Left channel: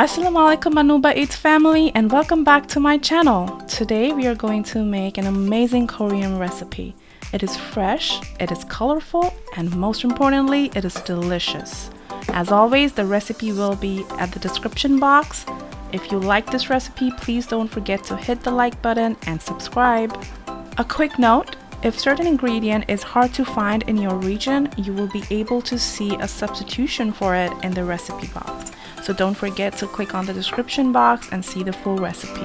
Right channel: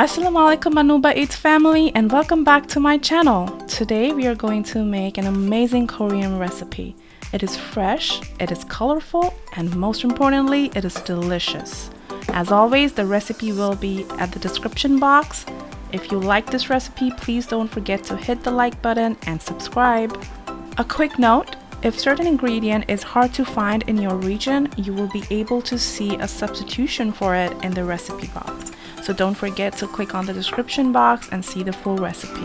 Assalamualaikum Nuba Eats family, and welcome back to my channel. Today we are going to make an amazing Korean recipe. It is fresh, it is colorful, and most importantly, it is delicious. As always, the recipe will be at the description box. If you like this recipe, please don't forget to hit the like button and subscribe. A quick note, if certain ingredient is hard to find in your region, you will be able to see a substitution for it in the recipe box. So don't forget to click on the description box and see the full recipe.